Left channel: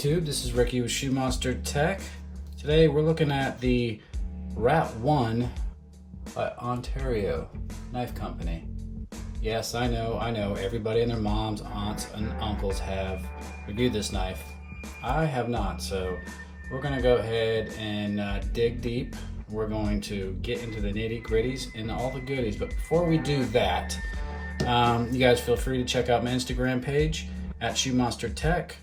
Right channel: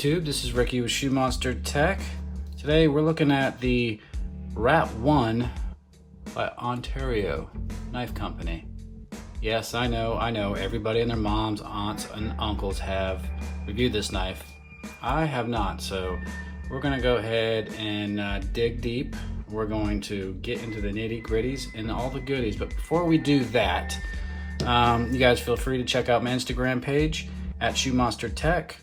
YouTube? This is Ricky with Shoe Monster Tech. Today we're looking at the Rat 1 by Ontario Knife Company. Yes, I know, everybody and their moms, aunts, and uncles have reviewed this knife. I have not, so we're gonna go ahead and dig deep. We're going to get into the nitty gritties and all the goodies, but before we do that, you guys feel free to check out my Instagram page at Shoe Monster Tech.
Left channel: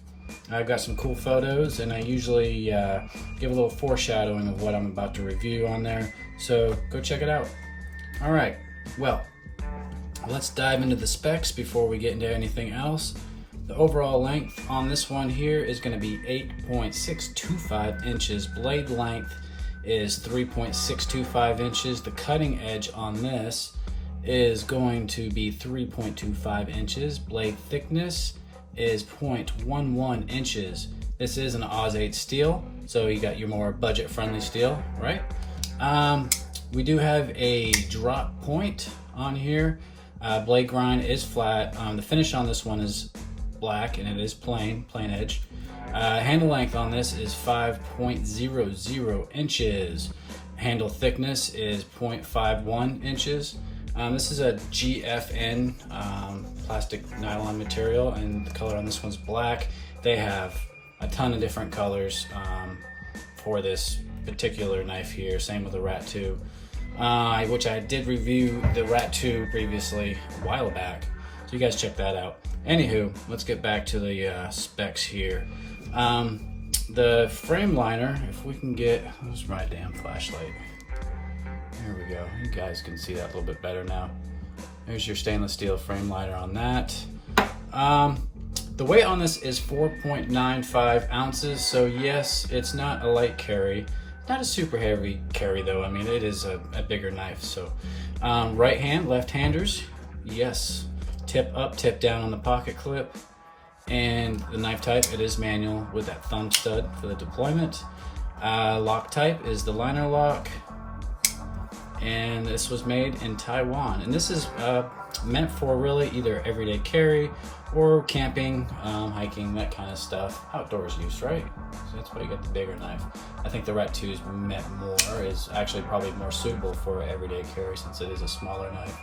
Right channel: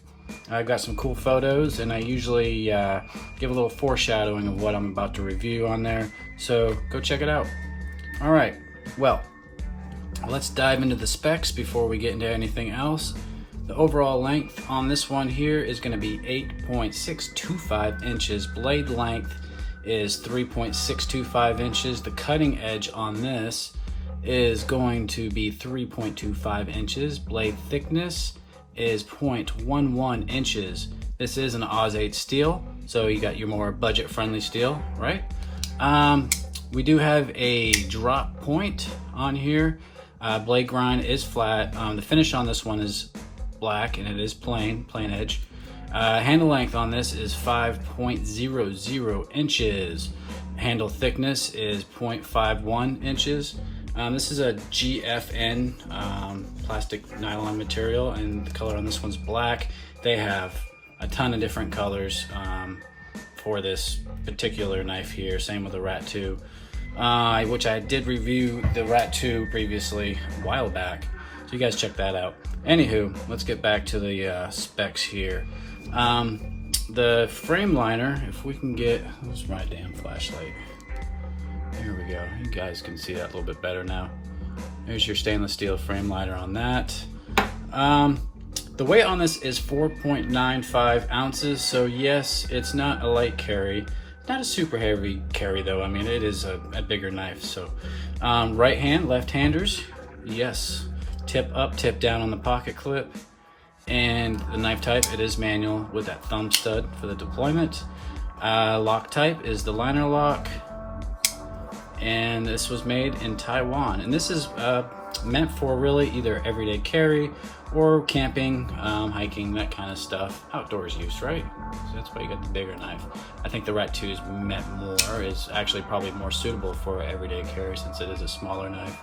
I've got some cool photos, and I usually give a little foreshadowing of what I'm about to review on there, so go check it out. All right, well, let's dive into the specs before we get into anything else. The overall length on this one here is going to be 8.625 inches. Blade length is 3.625 inches. The cutting edge on this is going to be 3.25 inches. Blade thickness is 0.11 inches. This is an Oz 8 steel, so you got your more budget-friendly steel, right? We do have a drop point on here. Blade grind is flat. The finish on this one is black, and it is plain edge. Handle length on this is 5.00 inches. Handle thickness is 0.51 inches. This is a GFN plastic nylon material, and the color on this one's black. They have a ton of different colors for this particular knife here. Same with the Rat 2, which I did review the Rat 2 previously a while back. So you guys check that out. Anywho, let's get back to the specs here. The frame liner, if we can get, where's my damn flashlight? Here we go. You guys can see that a little bit better now. There's your stainless steel frame liner on that. The weight on this is 4.95 ounces. So yes, it's not a light carry. Not a super heavy carry though. I mean, it is a bigger knife. So right hand, left-handers, yes. Tip up, tip down on the pocket clip. And the knife type, it is manual with that thumb stud for the deployment. Lock type is the liner lock. And this was made in Taiwan. And this is meant for really either everyday carry or camping, hiking, that kind of stuff. Outdoors use, right? So that's why you got the bigger knife. I think the Rat 2 is meant more, is actually probably more suitable for everyday carry since it is a smaller knife.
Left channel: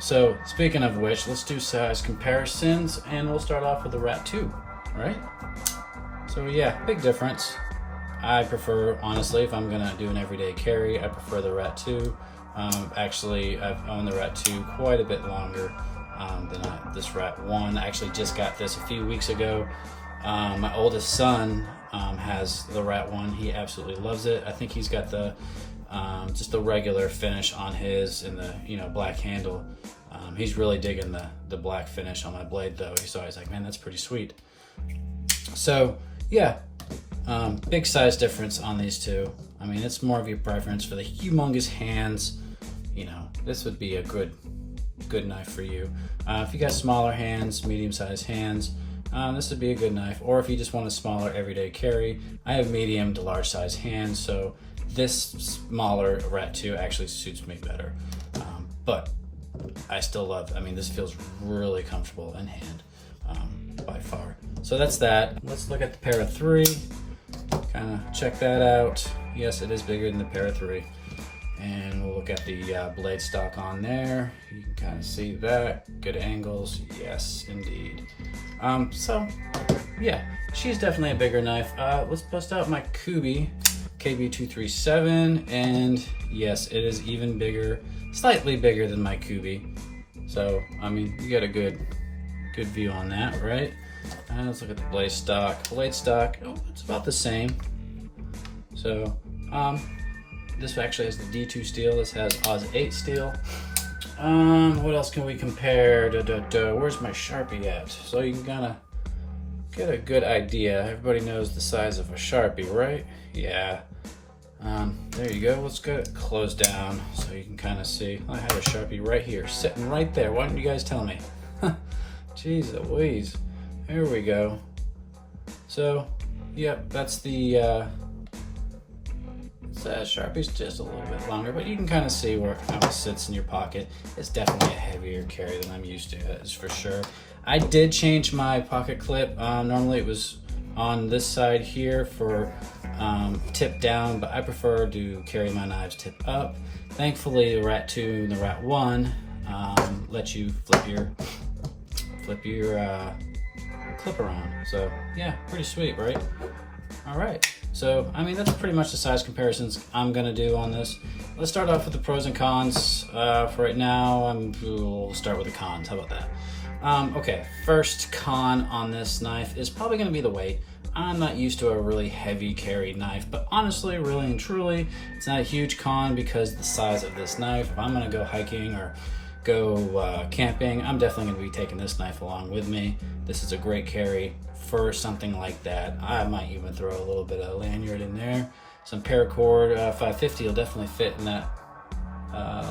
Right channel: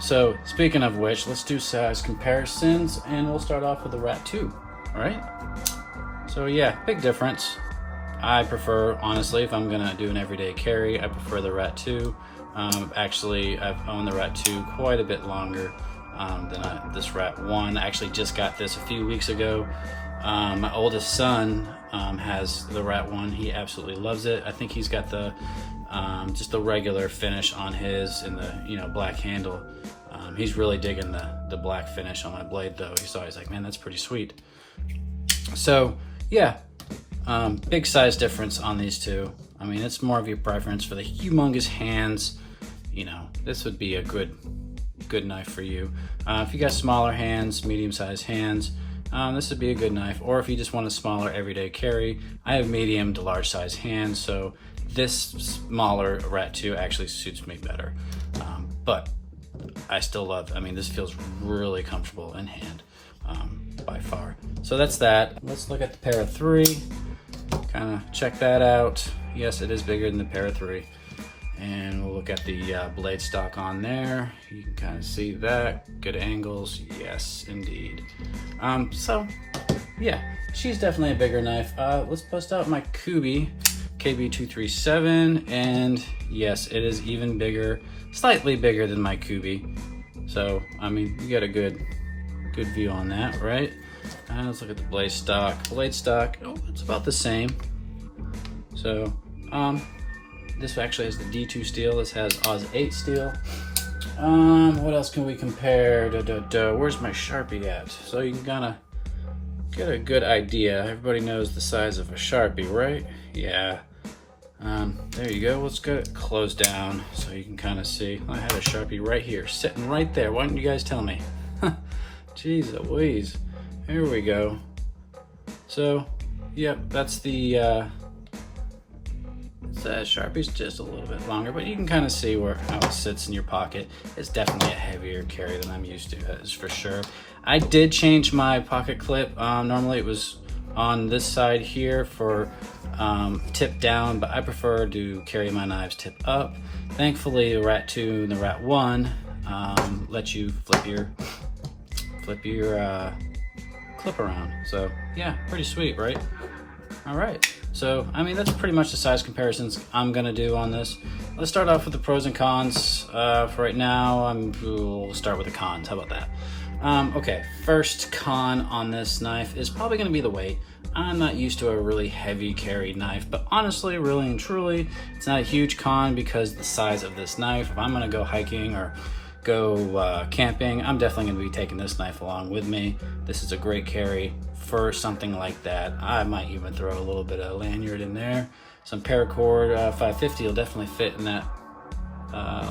So speaking of which, let's do size comparisons, and we'll start off with the Rat 2, all right? So yeah, big difference. I prefer, honestly, if I'm gonna do an everyday carry, I prefer the Rat 2. Actually, I've owned the Rat 2 quite a bit longer than this Rat 1. I actually just got this a few weeks ago. My oldest son has the Rat 1. He absolutely loves it. I think he's got the just the regular finish on his and the black handle. He's really digging the black finish on my blade though. He's always like, man, that's pretty sweet. So yeah. Big size difference on these two. I mean, it's more of your preference. For the humongous hands, this would be a good knife for you. If you got smaller hands, medium-sized hands, this would be a good knife. Or if you just want a smaller everyday carry, I have medium to large size hands, so this smaller Rat 2 actually suits me better. But I still love, this feels really comfortable in hand by far. So that's that. Let's look at the Para 3. Kind of check that out. Yes, it is bigger than the Para 3. And we'll look at the blade stock on there. You can kind of see that. Good angles. Yes, indeed. So, yeah, she's definitely a bigger knife. Let's bust out my Kubi KB237. And yes, it is even bigger, slightly bigger than my Kubi. So, you got a good view on that, right? Let's look at the blade stock. Blade stock, it's about the same. So, this actually has the D2 steel. This has Oz 8 steel. What else can we compare? Where's my Sharpie at? So you can kind of get a good idea. Everybody knows the size of a Sharpie, right? Yeah. There you go. Let's get it closed down so you can kind of see. I had a Sharpie right here, sitting right there. Why didn't you guys tell me? Jeez Louise. Here we go. So, yep, that's the Sharpie's just a little bit longer, but you can kind of see how it sits in your pocket. It's definitely a heavier carry than I'm used to, that is for sure. I did change my pocket clip. Normally it was on this side here for tip down, but I prefer to carry my knives tip up. Thankfully, the Rat 2 and the Rat 1 let you flip your clip around. So yeah, pretty sweet, right? All right. So, I mean, that's pretty much the size comparisons I'm gonna do on this. Let's start off with the pros and cons. For right now, we'll start with the cons. How about that? Okay, first con on this knife is probably gonna be the weight. I'm not used to a really heavy carry knife, but honestly, really and truly, it's not a huge con because the size of this knife. If I'm gonna go hiking or go camping, I'm definitely gonna be taking this knife along with me. This is a great carry for something like that. I might even throw a little bit of lanyard in there. Some paracord 550 will definitely fit in that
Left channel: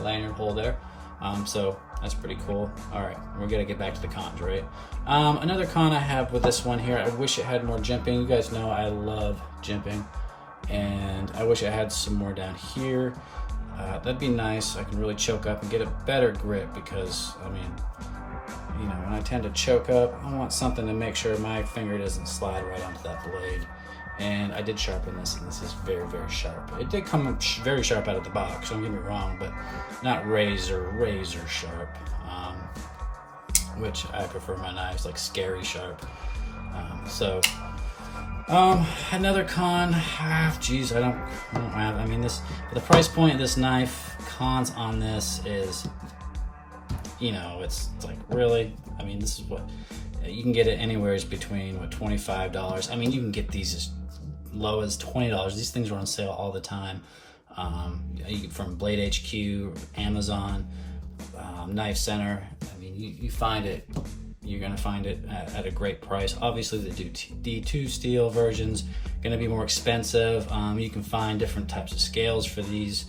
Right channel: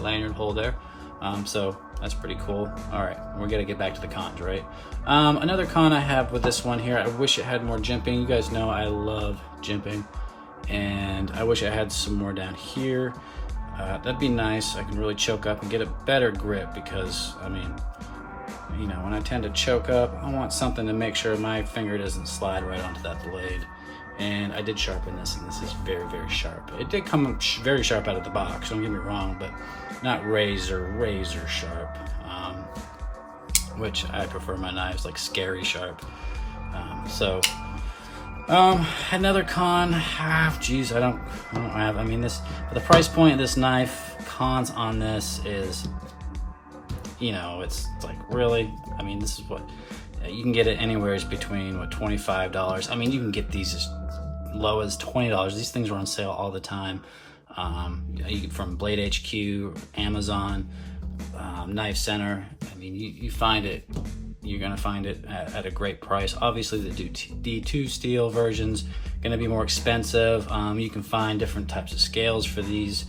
lanyard hole there. So that's pretty cool. All right, we're gonna get back to the cons, right? Another con I have with this one here, I wish it had more jimping. You guys know I love jimping, and I wish I had some more down here. That'd be nice. I can really choke up and get a better grip because, I mean, you know, when I tend to choke up, I want something to make sure my finger doesn't slide right onto that blade. And I did sharpen this, and this is very, very sharp. It did come very sharp out of the box, don't get me wrong, but not razor sharp, which I prefer my knives like scary sharp. Another con, geez, I mean, this, for the price point of this knife, cons on this is, you know, it's like, really? I mean, this is what, you can get it anywhere between, what, $25. I mean, you can get these as low as $20. These things are on sale all the time. From Blade HQ, Amazon, Knife Center. I mean, you find it, you're gonna find it at a great price. Obviously, the D2 steel version's gonna be more expensive. You can find different types of scales for these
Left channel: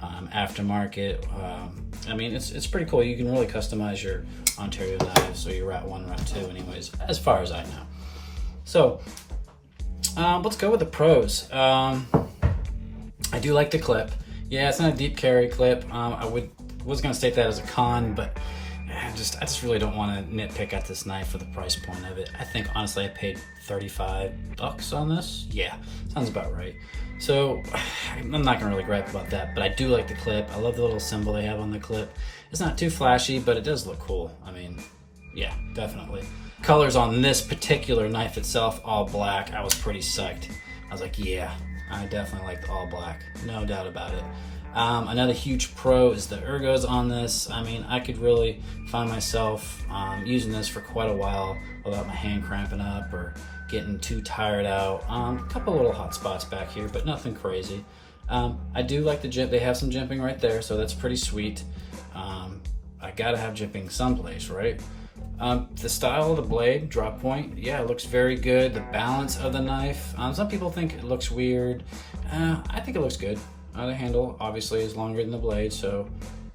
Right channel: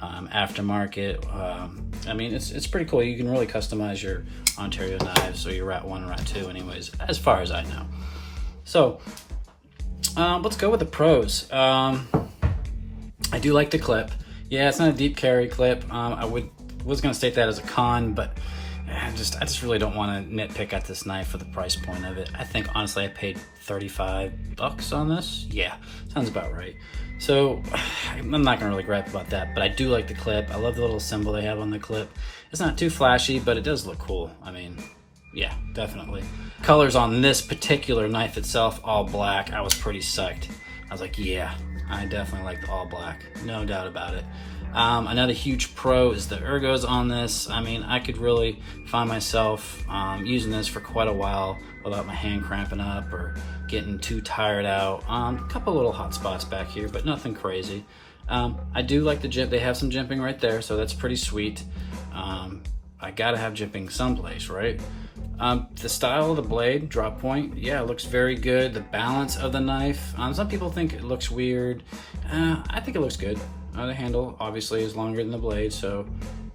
aftermarket. I mean, it's pretty cool. You can really customize your Ontario knives, or your Rat 1 and Rat 2 anyways, as far as I know. So, let's go with the pros. I do like the clip. Yeah, it's not a deep carry clip. I was gonna state that as a con, but I just really don't want to nitpick at this knife for the price point of it. I think honestly I paid $35 on this. Yeah, sounds about right. So I'm not gonna really gripe about that, but I do like the clip. I love the little symbol they have on the clip. It's not too flashy, but it does look cool. I mean, yeah, definitely. Colors on this particular knife itself, all black. I was pretty psyched. I was like, yeah, I definitely like the all black, no doubt about it. Another huge pro is the ergos on this. I mean, I could really find myself using this for quite a while without my hand cramping up or getting too tired out. A couple little hot spots back here, but nothing crazy. I do like the jimp. They have some jimping right there, so that's pretty sweet. I gotta have jimping someplace, right? The style of the blade, drop point, yeah, it looks very good. The balance of the knife, some people think it looks weird. I think it looks good. The handle obviously is longer than the blade, so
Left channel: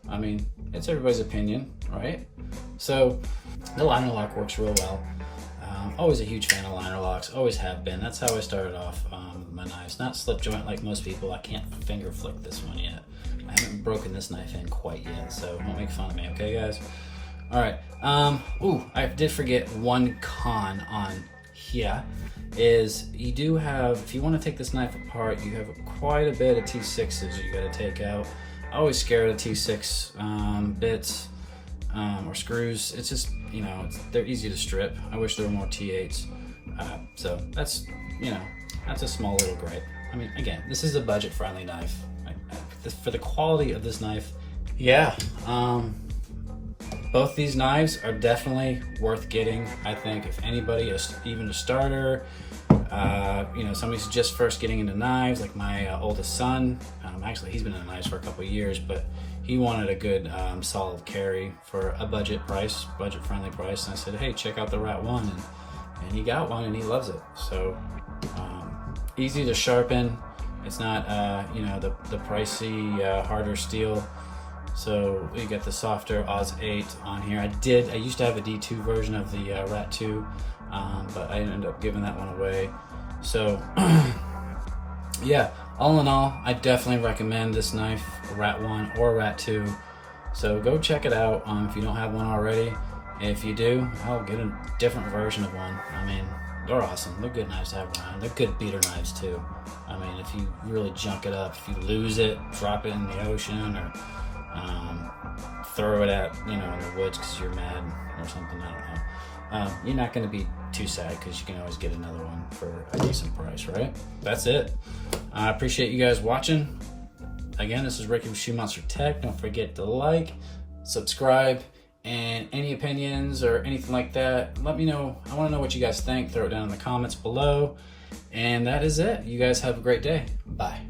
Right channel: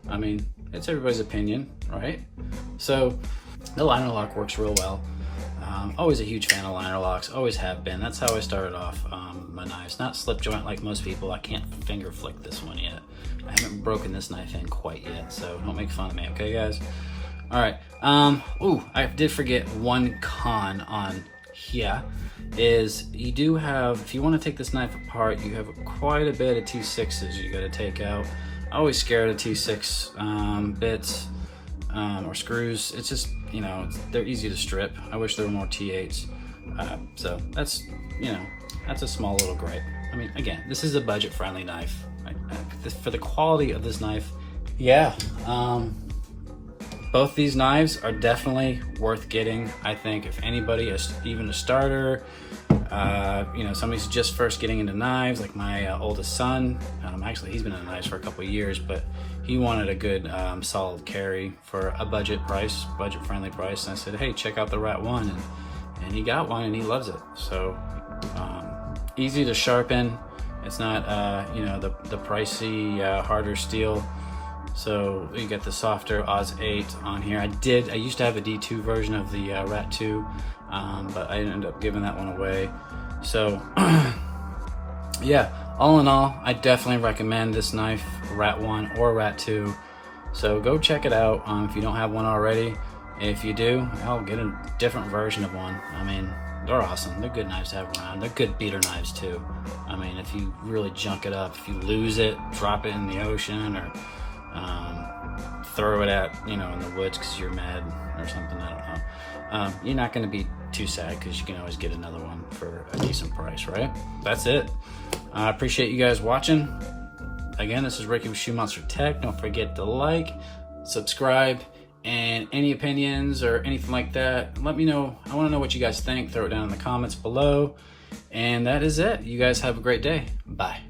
I mean, it's everybody's opinion, right? So the liner lock works real well. Always a huge fan of liner locks, always have been. That's how I started off my knives. Not slip joint like most people. I can't finger flick this one yet. I haven't broken this knife in quite yet, so don't make fun of me, okay guys? All right, I did forget one con on here is you do have, if you want to take this knife apart, you have quite a bit of T6s you got to take out. I'm always scared of T6 bits or screws. It's just, you know, they're easy to strip. I wish there were more T8s. So that's, you know, that's a small little gripe. I mean, again, this is a budget-friendly knife. For the quality of this knife, yeah. Both these knives are definitely worth getting. I think if anybody, even a starter, you know, somebody's just first getting into knives, like my oldest son, actually he's been in knives for a couple of years, but he wanted a good solid carry for a budget-friendly price. And I said, hey, check out the Rat 1, and he got one and he loves it. So easy to sharpen. It's not, you know, the pricey, harder steel. So you get the softer Oz 8 on here. I used to have a D2 version of the Rat 2, but I ended up giving that one away. So yeah, all in all, I definitely recommend this knife, Rat 1 or Rat 2. So go check it out if you don't have one already. If you do, I'll get a different version of one. I mean, they're awesome. They're good knives to have around. They're good beater knives too. I mean, if you really junk it up, if you lose it, drop it in the ocean, or throw it at, in the woods because you're mad or something, I don't know. You're not going to be too sad because you can always get another one for a decent price, right? That's it. I appreciate you guys watching. Again, this is Ricky with Shoe Monster Tech. Don't forget to like, subscribe, and any opinions or anything like that, let me know. I want to know what you guys think. Throw it down in the comments below. And that is it. You guys have a great day. Bye.